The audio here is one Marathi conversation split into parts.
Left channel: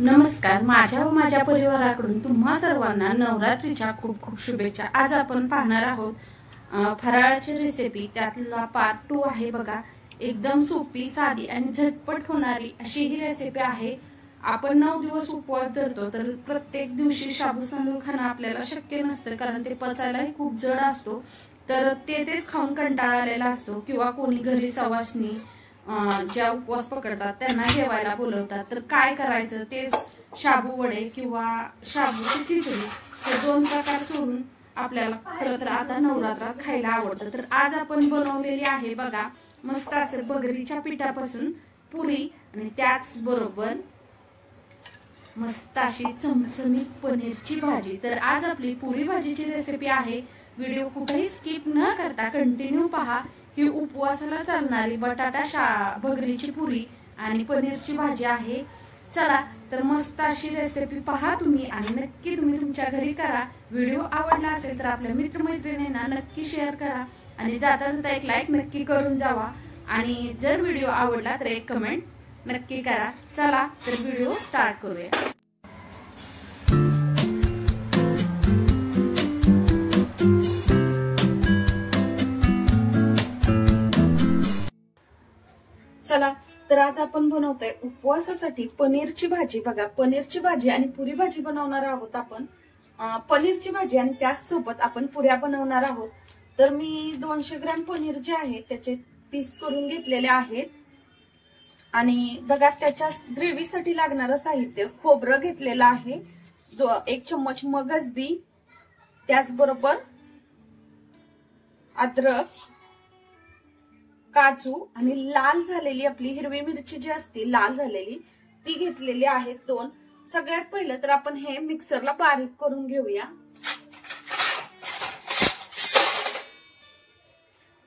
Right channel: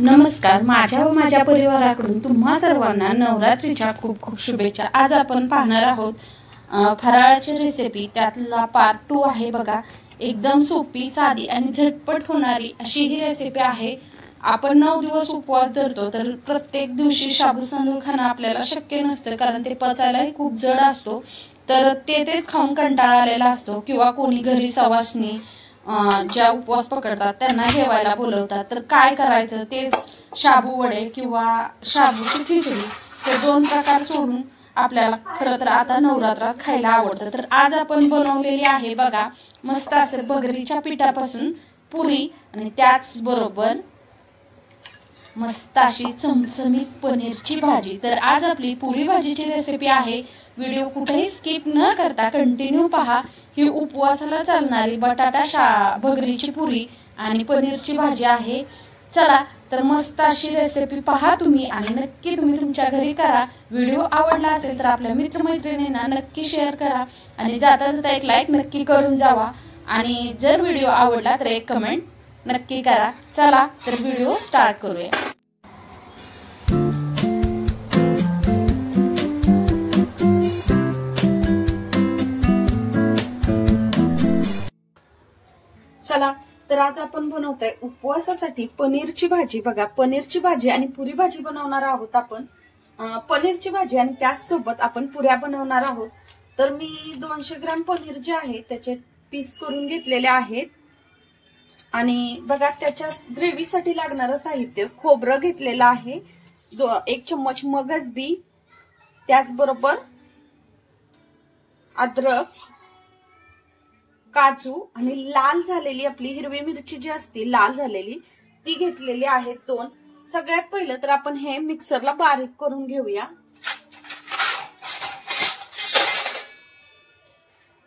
नमस्कार, माझ्या व माझ्या परिवाराकडून तुम्हा सर्वांना नवरात्रीच्या खूप खूप शुभेच्छा। आज आपण पाहणार आहोत फराळाची रेसिपी, त्यातला पार्ट 2 आहे बघा। एकदम सोपी, साधी आणि झटपट होणारी अशी ही रेसिपी आहे। आपण 9 दिवस उपवास धरतो, तर प्रत्येक दिवशी शाबू तांदूळ खाणं आपल्याला शक्य नसतं, कारण ते पचायलाही खूप जड असतो। तर तेच खाऊन कंटाळा आलेला असतो, किंवा कोणी घरी सवासनी ज्या उपवास पकडतात त्यांना जेवायला बोलवतात, तर काय करायचं, तेच शाबू वडे किंवा शाबूची खिचडी हे दोन प्रकार सोडून आपल्याला खरं तर आता नवरात्रात खायला आवडतं। तर आज आपण बनवलेली आहे बघा मस्त असे बगरीच्या पिठापासून पुरी, आणि त्याच बरोबर मस्त अशी चमचमीत पनीरची भाजी। तर आज आपली पुरी भाजीची रेसिपी आहे। व्हिडिओ कुठेही स्किप न करता कंटिन्यू पहा। ही उपवासाला चालणारी बटाटा भगरीची पुरी आणि पनीरची भाजी आहे। चला तर मस्त अशी रेसिपी पहा तुम्ही, आणि नक्की तुम्ही तुमच्या घरी करा। व्हिडिओ आवडला असेल तर आपल्या मित्रमैत्रिणींना नक्की शेअर करा, आणि जाता जाता एक लाईक नक्की करून जावा, आणि जर व्हिडिओ आवडला तर एक कमेंट नक्की करा। चला तर व्हिडिओ स्टार्ट करूया। चला तर आज आपण बनवतोय उपवासासाठी पनीरची भाजी। बघा, पनीरची भाजी आणि पुरी भाजी बनवणार आहोत आपण। पनीरची भाजी आणि त्याचसोबत आपण पुऱ्या बनवणार आहोत। तर मी 200 ग्रॅम पनीर जे आहे त्याचे पीस करून घेतलेले आहेत, आणि बघा त्याच्या ग्रेव्हीसाठी लागणारं साहित्य: खोबरं घेतलेलं आहे, 1 चम्मच मगज बी, त्याचबरोबर अद्रक, काजू, आणि लाल झालेली आपली हिरवी मिरची जी असते लाल झालेली ती घेतलेली आहे 2। सगळ्यात पहिलं तर आपण हे मिक्सरला बारीक करून घेऊया।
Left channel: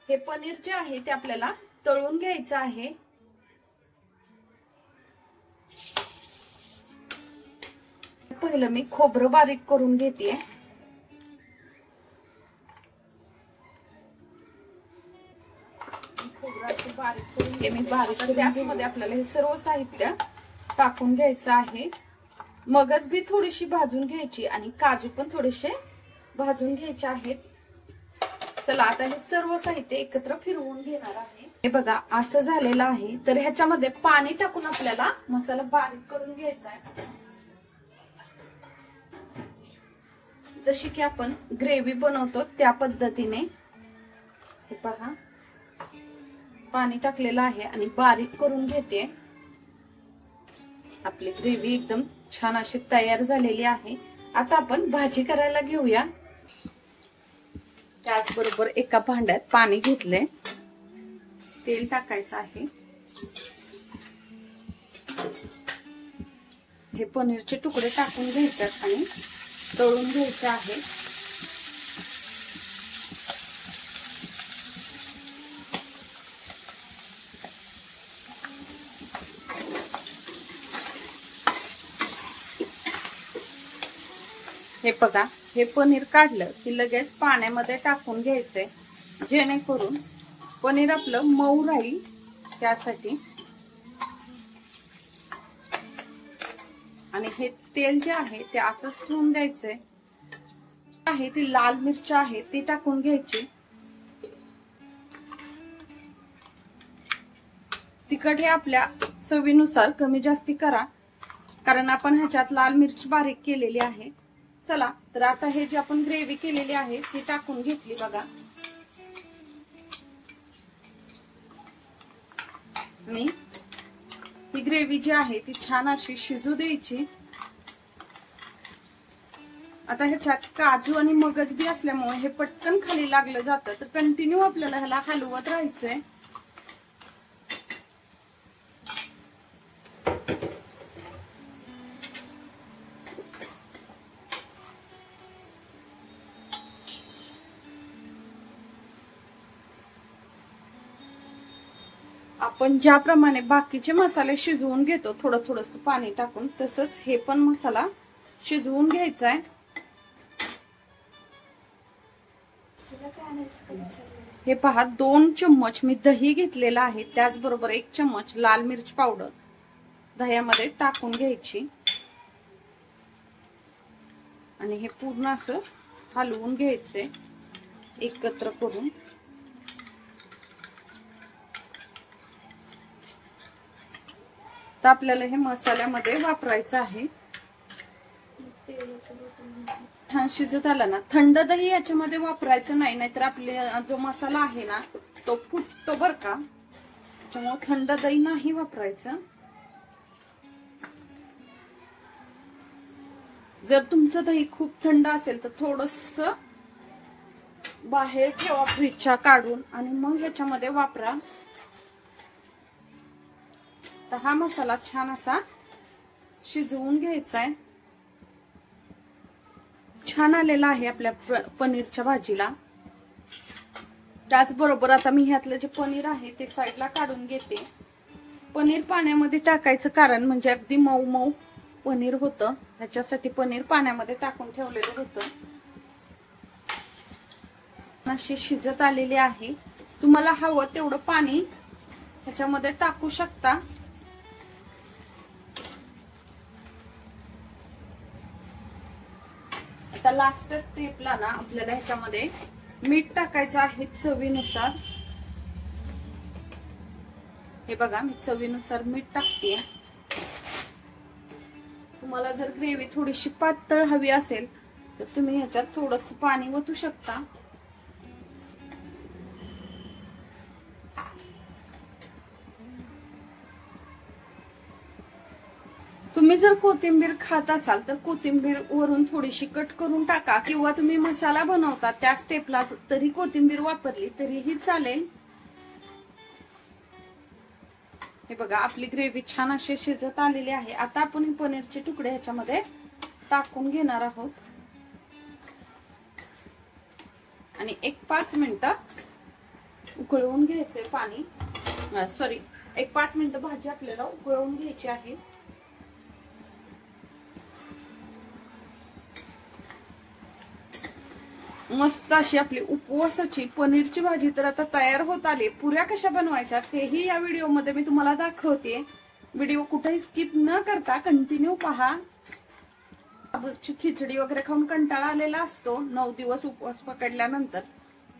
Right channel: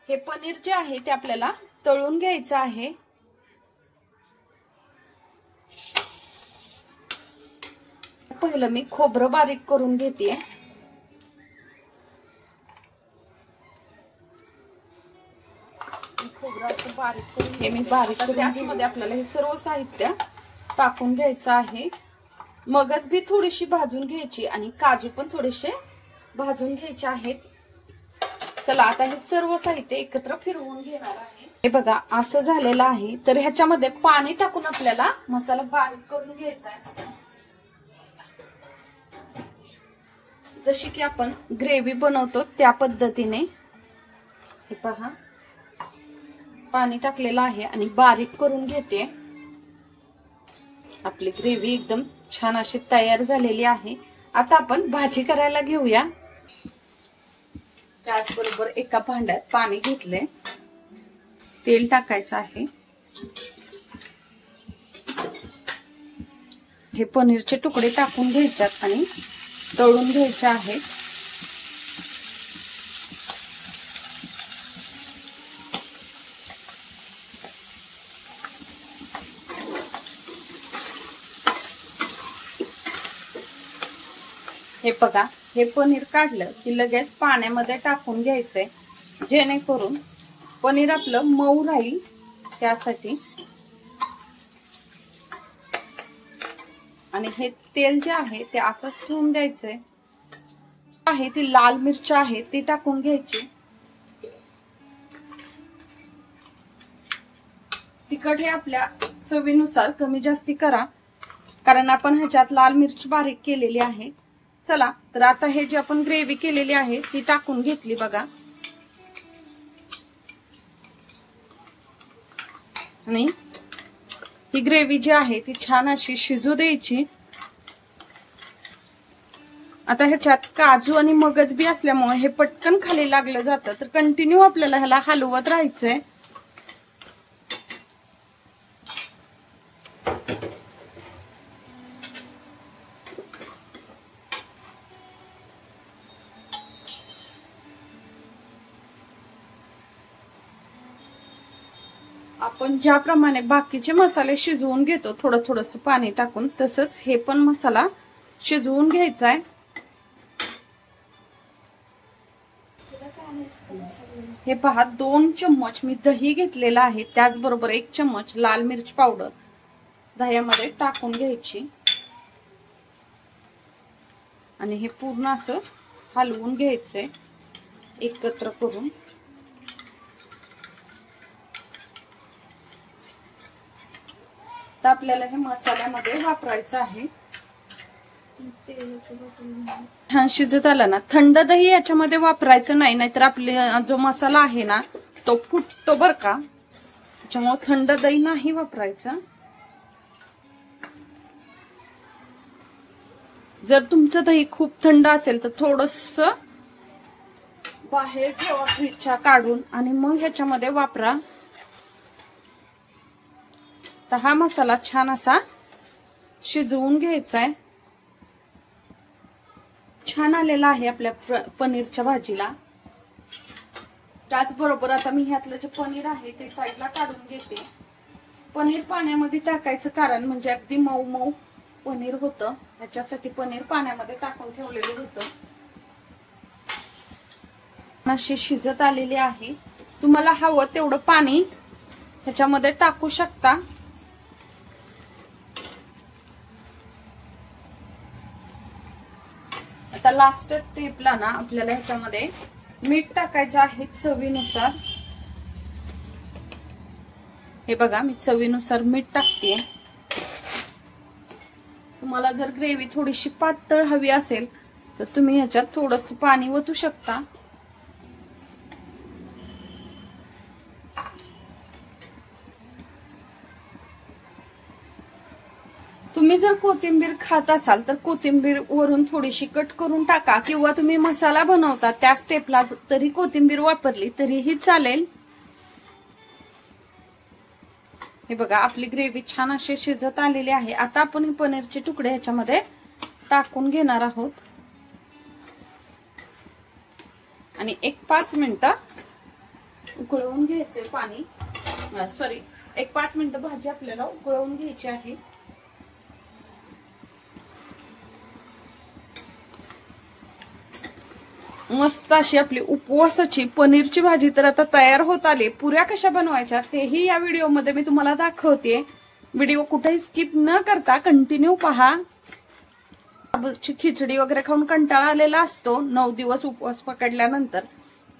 हे पनीर जे आहे ते आपल्याला तळून घ्यायचं आहे। पहिलं मी खोबरं बारीक करून घेते। हे मी बारीक करून, त्यामध्ये आपल्याला हे सर्व साहित्य टाकून घ्यायचं आहे। मगज बी थोडीशी भाजून घ्यायची, आणि काजू पण थोडेसे भाजून घ्यायचे आहेत। चला आता हे सर्व साहित्य एकत्र फिरवून घेणार आहे। हे बघा असं झालेलं आहे। तर ह्याच्यामध्ये पाणी टाकून आपल्याला मसाला बारीक करून घ्यायचा आहे, जशी की आपण ग्रेव्ही बनवतो त्या पद्धतीने। हे पहा, पाणी टाकलेलं आहे आणि बारीक करून घेते। आपली ग्रेव्ही एकदम छान अशी तयार झालेली आहे। आता आपण भाजी करायला घेऊया। त्याचबरोबर एका भांड्यात पाणी घेतले, तेल टाकायचं आहे। हे पनीरचे तुकडे टाकून घ्यायच्यात आणि तळून घ्यायचे आहेत। हे बघा, हे पनीर काढलं की लगेच पाण्यामध्ये टाकून घ्यायचंय, जेणेकरून पनीर आपलं मऊ राहील त्यासाठी। आणि हे तेल जे आहे ते असंच ठेवून द्यायचंय। आहे ती लाल मिरची आहे ती टाकून घ्यायची। तिखट हे आपल्या चवीनुसार कमी जास्ती करा, कारण आपण ह्याच्यात लाल मिरची बारीक केलेली आहे। चला तर आता हे जे आपण ग्रेव्ही केलेली आहे ती टाकून घेतली बघा, आणि ही ग्रेव्ही जी आहे ती छान अशी शिजू द्यायची। आता ह्याच्यात काजू आणि मगज बी असल्यामुळे हे पटकन खाली लागलं जातं, तर कंटिन्यू आपल्याला ह्याला हलवत राहायचंय। आपण ज्याप्रमाणे बाकीचे मसाले शिजवून घेतो थोडं थोडंसं पाणी टाकून, तसंच हे पण मसाला शिजवून घ्यायचा आहे। हे पहा, 2 चम्मच मी दही घेतलेला आहे, त्याचबरोबर 1 चम्मच लाल मिरच पावडर दह्यामध्ये टाकून घ्यायची। आणि हे पूर्ण असं हलवून घ्यायचंय एकत्र करून. तर आपल्याला हे मसाल्यामध्ये वापरायचं आहे. छान शिजत आला ना, थंड दही याच्यामध्ये वापरायचं नाही, नाहीतर आपले जो मसाला आहे ना तो फुटतो बर का. त्याच्यामुळे थंड दही नाही वापरायचं. जर तुमचं दही खूप थंड असेल तर थोडस बाहेर ठेवा फ्रीजच्या काढून आणि मग ह्याच्यामध्ये वापरा. तर हा मसाला छान असा शिजवून घ्यायचा आहे. छान आलेला आहे आपल्या पनीरच्या भाजीला. त्याचबरोबर आता मी ह्यातलं जे पनीर आहे ते साईडला काढून घेते. पनीर पाण्यामध्ये टाकायचं कारण म्हणजे अगदी मऊ मऊ पनीर होतं, त्याच्यासाठी पनीर पाण्यामध्ये टाकून ठेवलेलं होतं. असे शिजत आलेले आहे. तुम्हाला हवं तेवढं पाणी ह्याच्यामध्ये टाकू शकता. आता लास्ट स्टेपला ना आपल्याला ह्याच्यामध्ये मीठ टाकायचं आहे चवीनुसार. हे बघा मी चवीनुसार मीठ टाकतेय. तुम्हाला जर ग्रेव्ही थोडीशी पातळ हवी असेल तर तुम्ही ह्याच्यात थोडस पाणी ओतू शकता. तुम्ही जर कोथिंबीर खात असाल तर कोथिंबीर वरून थोडीशी कट करून टाका, किंवा तुम्ही मसाला बनवता त्या स्टेपला तरी कोथिंबीर वापरली तरीही चालेल. हे बघा आपली ग्रेव्ही छान अशी शिजत आलेली आहे. आता आपण पनीरचे तुकडे ह्याच्यामध्ये टाकून घेणार आहोत आणि 1-5 मिनिटं उकळवून घ्यायचे पाणी. सॉरी 1-5 मिनिटं भाजी आपल्याला उकळवून घ्यायची आहे. मस्त अशी आपली उपवासाची पनीरची भाजी तर आता तयार होत आली. पुऱ्या कशा बनवायच्या तेही या व्हिडिओमध्ये मी तुम्हाला दाखवते. व्हिडिओ कुठेही स्किप न करता कंटिन्यू पहा. खिचडी वगैरे खाऊन कंटाळा आलेला असतो 9 दिवस उपवास पकडल्यानंतर,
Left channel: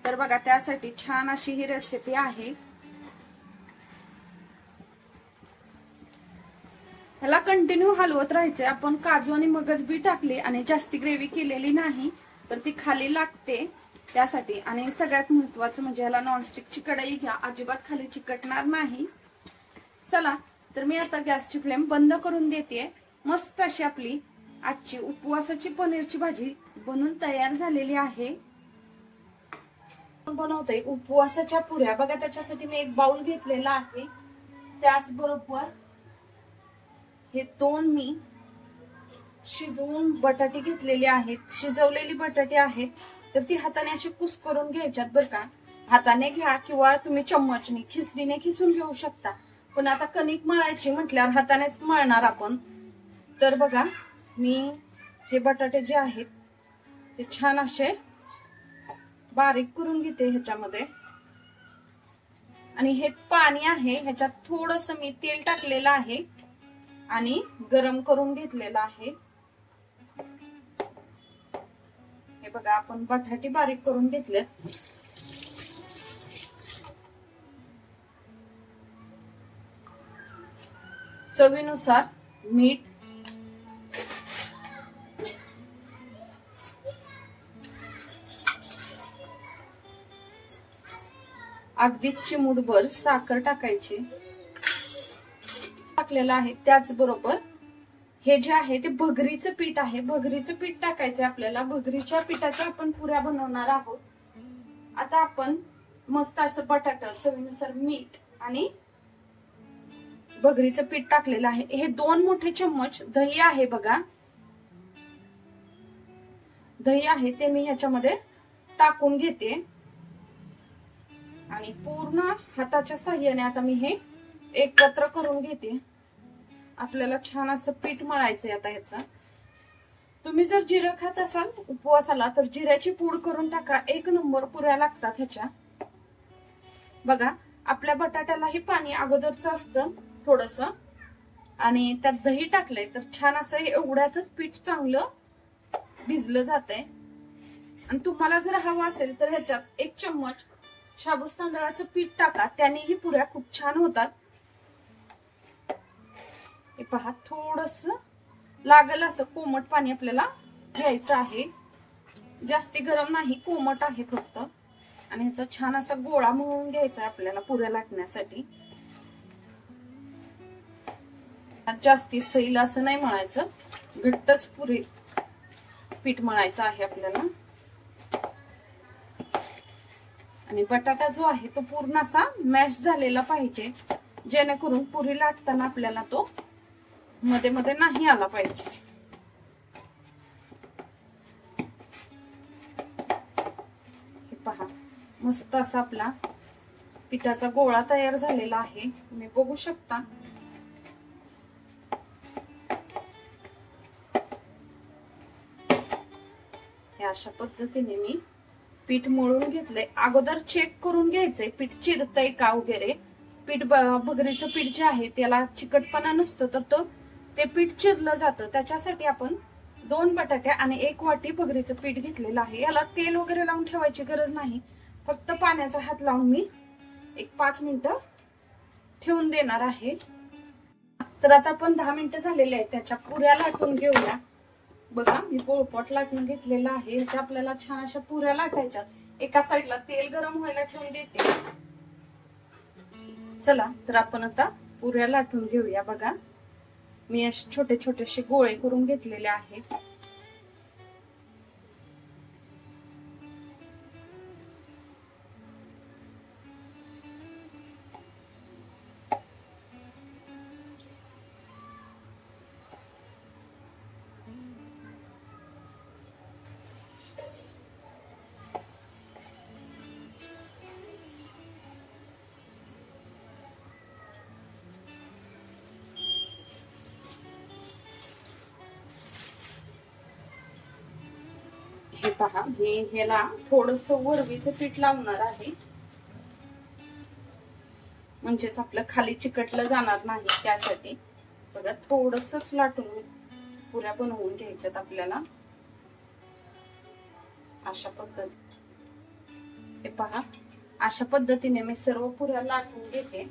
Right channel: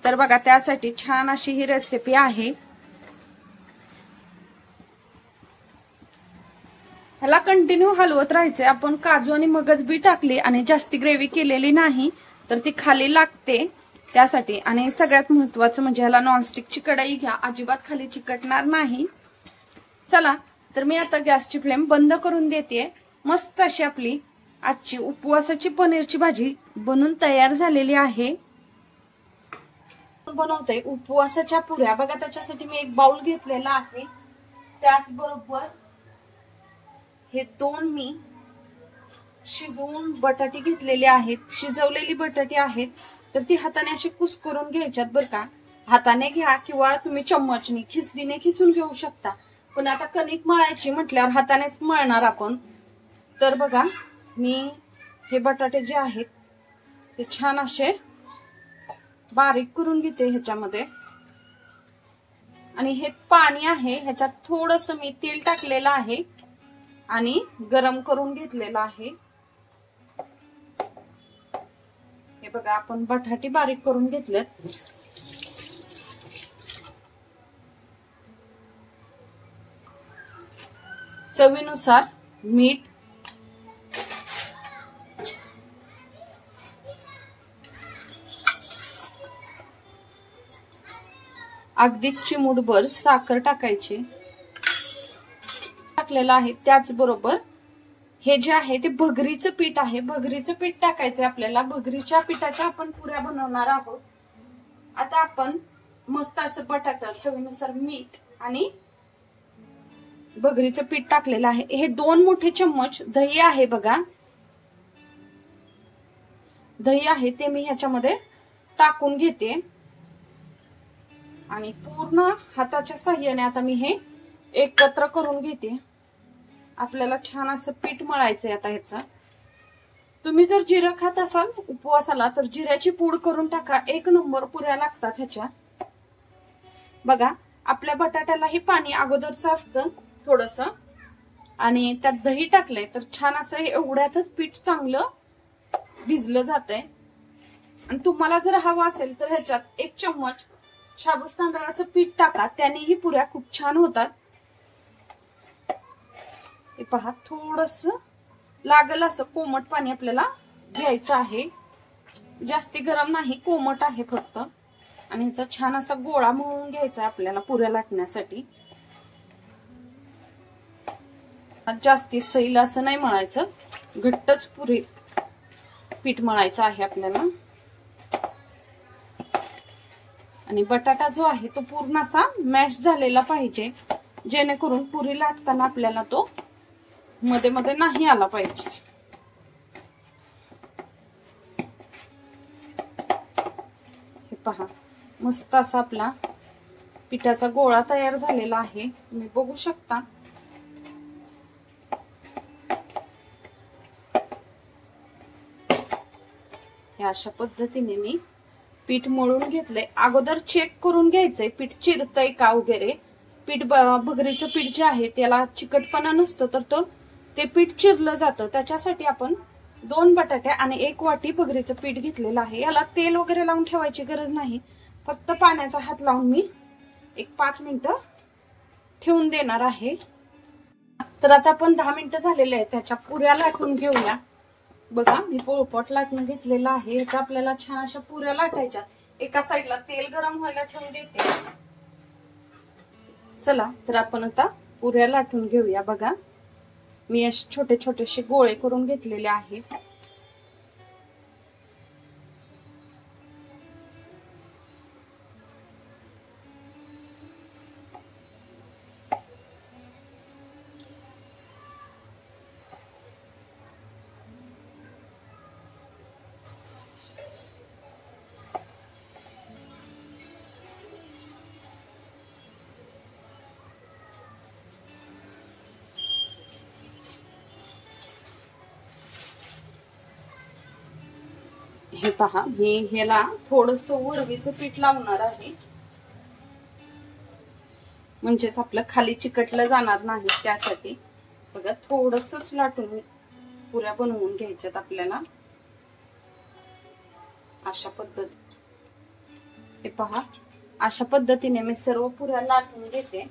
तर बघा त्यासाठी छान अशी ही रेसिपी आहे. ह्याला कंटिन्यू हलवत राहायचे. आपण काजू आणि मगज बी टाकली आणि जास्ती ग्रेव्ही केलेली नाही तर ती खाली लागते त्यासाठी. आणि सगळ्यात महत्वाचं म्हणजे ह्याला नॉनस्टिकची कढई घ्या, अजिबात खाली चिकटणार नाही. चला तर मी आता गॅसची फ्लेम बंद करून देते. मस्त अशी आपली आजची उपवासाची पनीरची भाजी बनून तयार झालेली आहे. बनवते उपवासाच्या पुऱ्या. बघा त्याच्यासाठी मी एक बाउल घेतलेला आहे. त्याचबरोबर हे 2 मी शिजवून बटाटे घेतलेले आहेत. शिजवलेली बटाटे आहेत तर ती हाताने अशी कुस्करून घ्यायच्यात बर का. हाताने घ्या किंवा तुम्ही चम्मचनी खिसडीने खिसून घेऊ शकता. पण आता कणिक मळायची म्हटल्यावर हातानेच मळणार आपण. तर बघा मी हे बटाटे जे आहेत ते छान असे बारीक करून घेते ह्याच्यामध्ये. आणि हे पाणी आहे ह्याच्यात थोडस मी तेल टाकलेलं आहे आणि गरम करून घेतलेलं आहे. हे बघा आपण बटाटे बारीक करून घेतलेत. चवीनुसार मीठ, अगदी चिमूटभर साखर टाकायची टाकलेलं आहे. त्याचबरोबर हे जे आहे ते भगरीचं पीठ आहे. भगरीचं पीठ टाकायचं आपल्याला. भगरीच्या पिठाच्या आपण पुऱ्या बनवणार आहोत. आता आपण मस्त असं बटाटा, चवीनुसार मीठ आणि भगरीचं पीठ टाकलेलं आहे. हे 2 मोठे चम्मच दही आहे बघा. दही आहे ते मी ह्याच्यामध्ये टाकून घेते आणि पूर्ण हाताच्या साह्याने आता मी हे एकत्र करून घेते. आपल्याला छान असं पीठ मळायचंय आता ह्याचं. तुम्ही जर जिरं खात असाल उपवासाला तर जिऱ्याची पूड करून टाका. 1 नंबर पुऱ्या लागतात ह्याच्या. बघा आपल्या बटाट्यालाही पाणी अगोदरच असतं थोडस आणि त्यात दही टाकलंय तर छान असं एवढ्यातच पीठ चांगलं भिजलं जातंय. आणि तुम्हाला जर हवं असेल तर ह्याच्यात 1 चम्मच शाबूत तांदळाचं पीठ टाका, त्यानेही पुऱ्या खूप छान होतात. हे पहा, थोडस लागेल असं कोमट पाणी आपल्याला घ्यायचं आहे. जास्ती गरम नाही, कोमट आहे फक्त. आणि ह्याचा छान असा गोळा मळून घ्यायचा आपल्याला पुऱ्या लाटण्यासाठी. जास्ती सैल असं नाही मळायचं, घट्टच पुरे पीठ मळायचं आहे आपल्याला. आणि बटाटा जो आहे तो पूर्ण असा मॅश झालेला पाहिजे, जेणेकरून पुरी लाटताना आपल्याला तो मध्ये मध्ये नाही आला पाहिजे. हे पहा, मस्त असा आपला पिठाचा गोळा तयार झालेला आहे, तुम्ही बघू शकता. अशा पद्धतीने मी पीठ मळून घेतलंय. अगोदर चेक करून घ्यायचंय पीठ चिरतय का वगैरे. पीठ भगरीचं पीठ जे आहे त्याला चिकटपणा नसतो, तर ते पीठ चिरलं जातं. त्याच्यासाठी आपण 2 बटाटे आणि 1 वाटी भगरीचं पीठ घेतलेलं आहे. याला तेल वगैरे लावून ठेवायची गरज नाही, फक्त पाण्याचा हात लावून मी 5 मिनिटं ठेवून देणार आहे. तर आता आपण 10 मिनिटं झालेले आहेत, त्याच्या पुऱ्या लाटून घेऊया. बघा, मी पोळपाट लाटून घेतलेला आहे. ह्याच्या आपल्याला छान अशा पुऱ्या लाटायच्यात. एका साईडला तेल गरम व्हायला ठेवून देते. चला तर आपण आता पुऱ्या लाटून घेऊया. बघा, मी असे छोटे छोटेसे गोळे करून घेतलेले आहेत. हे पहा, मी ह्याला थोडस वरवीचं पीठ लावणार आहे, म्हणजेच आपलं खाली चिकटलं जाणार नाही त्यासाठी. बघा, थोडसच लाटून पुऱ्या बनवून घ्यायच्यात आपल्याला अशा पद्धतीने. हे पहा, अशा पद्धतीने मी सर्व पुऱ्या लाटून घेते.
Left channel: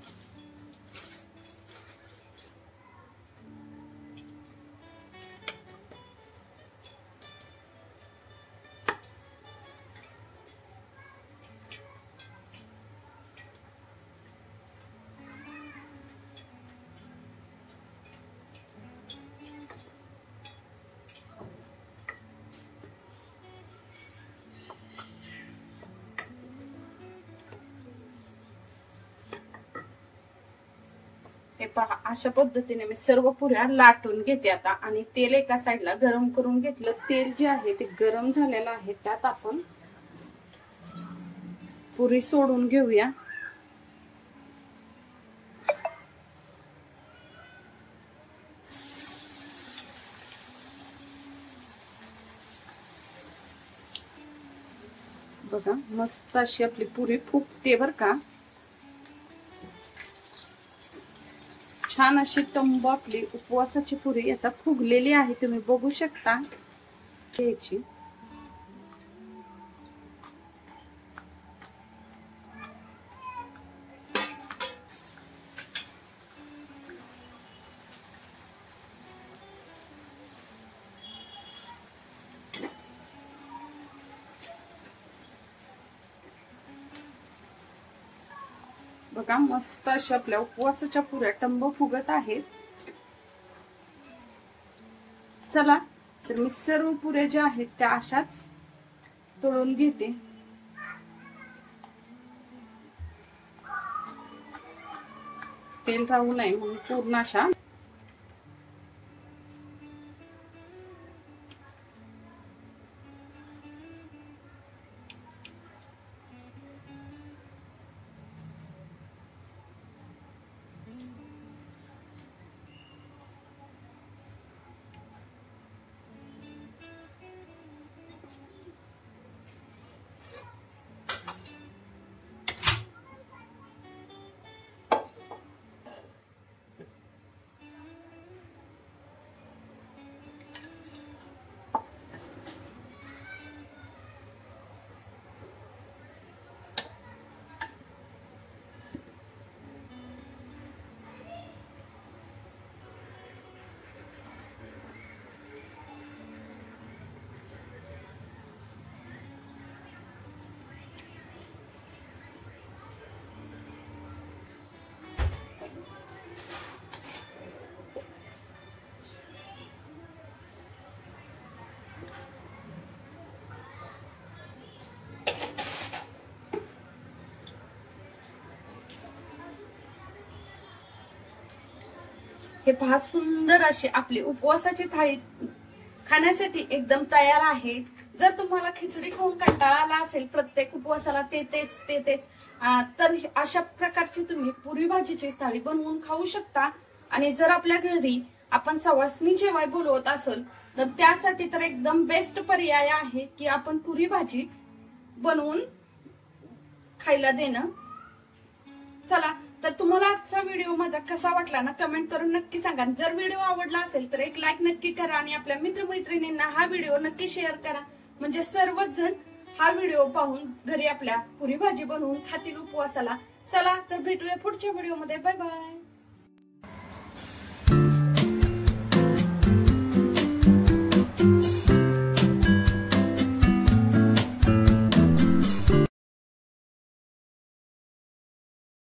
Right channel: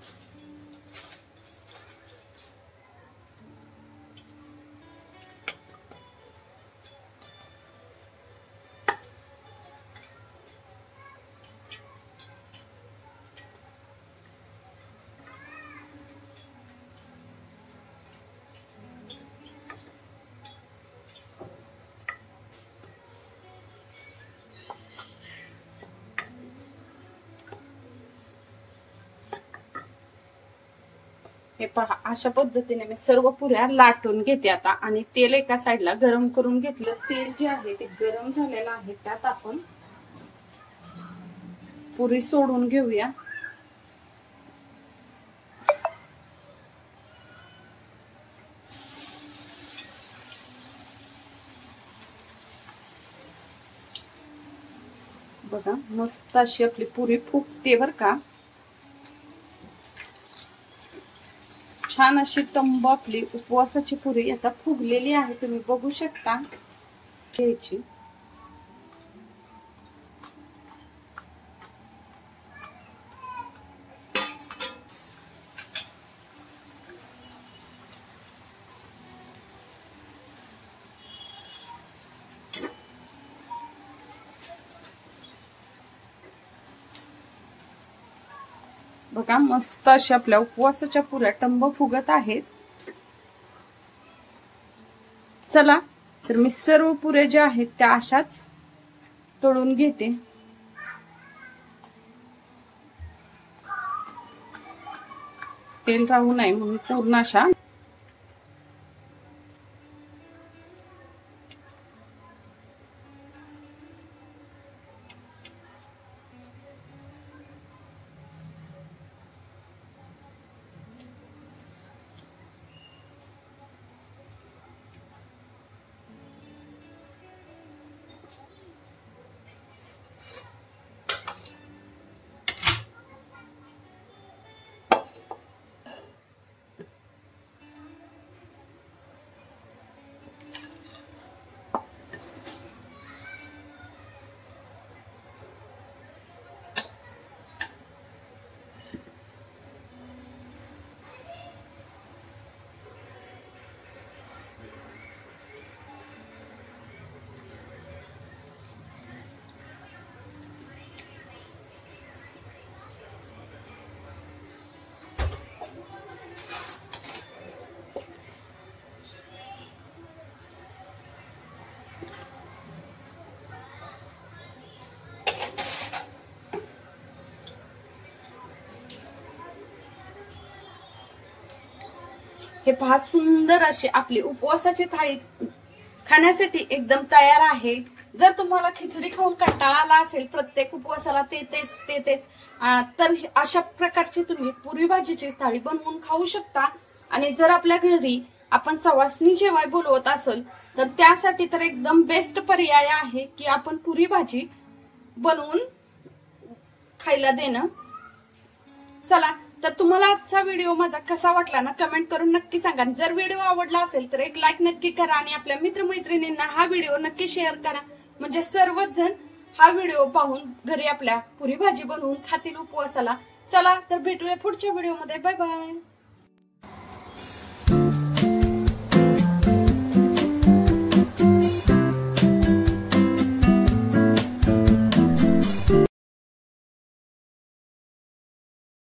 हे पहा, अशा पद्धतीने मी सर्व पुऱ्या लाटून घेते आता. आणि तेल एका साईडला गरम करून घेतलं. तेल जे आहे ते गरम झालेलं आहे, त्यात आपण पुरी सोडून घेऊया. बघा, मस्त अशी आपली पुरी फुगते बर का. छान अशी टंब आपली उपवासाची पुरी आता फुगलेली आहे, तुम्ही बघू शकता. घ्यायची. बघा, मस्त अशा आपल्या उपवासाच्या पुऱ्या टंब फुगत आहेत. चला तर मी सर्व पुऱ्या ज्या आहेत त्या अशाच तळून घेते. तेल राहू नये म्हणून पूर्ण अशा हे पहा सुंदर अशी आपली उपवासाची थाळी खाण्यासाठी एकदम तयार आहे। जर तुम्हाला खिचडी खाऊन कंटाळा आला असेल प्रत्येक उपवासाला तेच तर अशा प्रकारची तुम्ही पुरी भाजीची थाळी बनवून खाऊ शकता। आणि जर आपल्या घरी आपण सवासनी जेवाय बोलवत असेल तर त्यासाठी तर एकदम बेस्ट पर्याय आहे की आपण पुरी भाजी बनवून खायला देणं। चला तर तुम्हाला आजचा व्हिडिओ माझा कसा वाटला ना कमेंट करून नक्की सांगा। जर व्हिडिओ आवडला असेल तर एक लाईक नक्की करा आणि आपल्या मित्रमैत्रिणींना हा व्हिडिओ नक्की शेअर करा, म्हणजे सर्वच जण हा व्हिडिओ पाहून घरी आपल्या पुरी भाजी बनवून खातील उपवासाला। चला तर भेटूया पुढच्या व्हिडिओमध्ये, बाय बाय।